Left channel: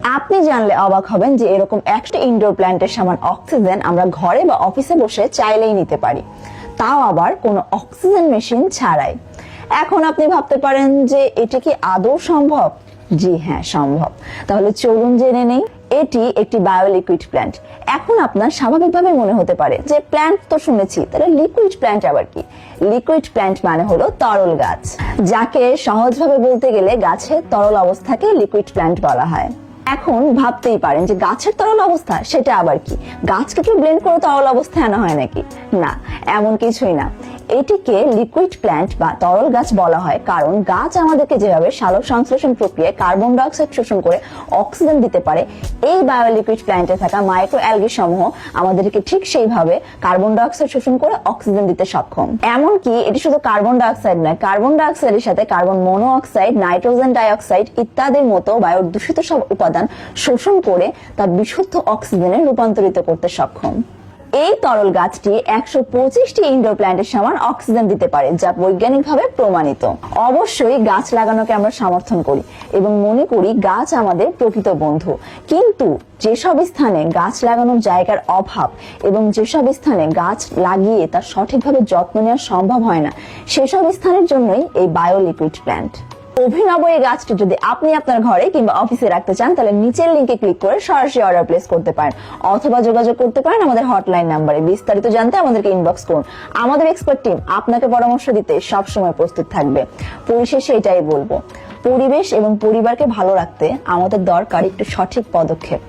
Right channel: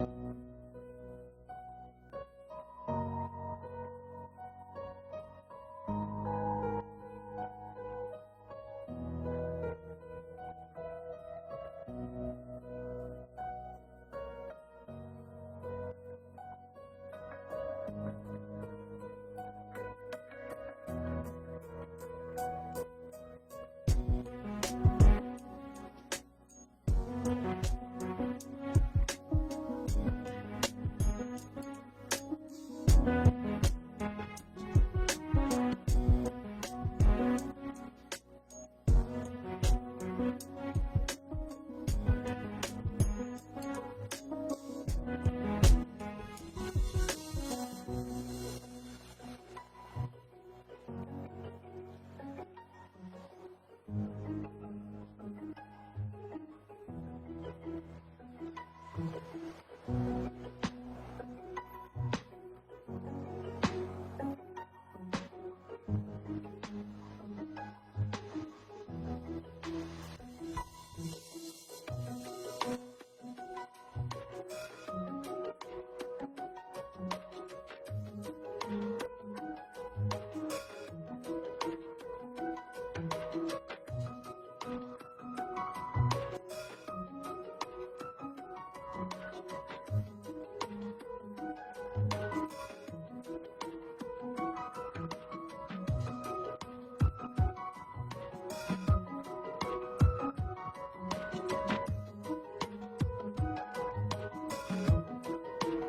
আপনি জানলে অবাক হবেন যে এরকম একটা ইনডোর প্ল্যান্টের সমান অক্সিজেন আমরা ঘরে বা অফিসে বসে চাইলেই নিতে পারি, তাও আবার কোনো অক্সিজেন মেশিন ছাড়াই। এখন আপনি ভাবতে পারেন যে এটি কি আদৌ সম্ভব? জি হ্যাঁ, সম্ভব। তাহলে চলুন জেনে নেই। এটি একটি বায়োলিকুইড প্ল্যান্ট। এখন আপনার স্বাভাবিকভাবে মনে হতে পারে যে প্ল্যান্ট তো শুনেছি, তাহলে লিকুইড প্ল্যান্ট আবার কি? লিকুইড প্ল্যান্ট মানে হলো তরল গাছ, যাকে সহজভাবে বলতে গেলে গাছের তরল অবস্থাকে লিকুইড প্ল্যান্ট বলা হয়। এখন ভাবতেই পারেন যে গাছের তরল অবস্থা সেটা আবার কি? গাছকে কি ব্লেন্ড করে তরল অবস্থায় আনা হয় নাকি? না, এমন কিছুই না। এটিকে লিকুইড প্ল্যান্ট বা তরল গাছ বলা হয় কারণ গাছ আমাদেরকে যেভাবে সালোক সংশ্লেষণ প্রক্রিয়ায় কার্বন ডাই অক্সাইড শোষণ করে অক্সিজেন দিতে পারে, এই বায়োলিকুইড প্ল্যান্টে থাকা মাইক্রো অ্যালগি সমূহ আমাদেরকে ঠিক সেইভাবে কার্বন ডাই অক্সাইড শোষণ করে অক্সিজেন দিতে সক্ষম। এমনকি এটি শুধু কার্বন ডাই অক্সাইড নয়, কার্বন ডাই অক্সাইডের সাথে carbon monoxide, nitrogen die oxide ইত্যাদির মতো বায়ুর দূষিত সব উপাদান শোষণ করে তা বিশুদ্ধ অক্সিজেনে রূপান্তরিত করতে সক্ষম। এই তরল গাছটি 125টি ইনডোর প্ল্যান্টের সমান অক্সিজেন দিতে পারে, যা বৈজ্ঞানিকভাবে প্রমাণিত। অবশ্যই গাছ লাগানোকে আমরা সমর্থন করি এবং মনে করি গাছ আমাদের প্রকৃত বন্ধু, কিন্তু যেসব স্থানে গাছ লাগানোর জায়গার অভাব এবং যেসব স্থানে গাছ লাগিয়ে তার সঠিকভাবে যত্ন নেওয়া সম্ভব হয় না, সেসব স্থানের জন্যই এই বায়োলিকুইড প্ল্যান্ট। অভিনব এই গাছটি যদি আপনি আপনার ঘরে কিংবা অফিসে রাখতে চান, তাহলে নিচের লিংকে ক্লিক করে সরাসরি অর্ডার প্লেস করতে পারেন অথবা যোগাযোগ করতে পারেন আমাদের হটলাইন নাম্বারে। বিস্তারিত জানতে আমাদেরকে ইনবক্স করুন। আমাদের এক্সপার্ট টিম আপনাকে পরামর্শ দিতে সবসময় প্রস্তুত থাকবে। পরিশেষে এটাই বলবো, পরিবেশ এবং পরিবারকে ভালো রাখতে আমাদের দরকার একটু সঠিক পদক্ষেপ।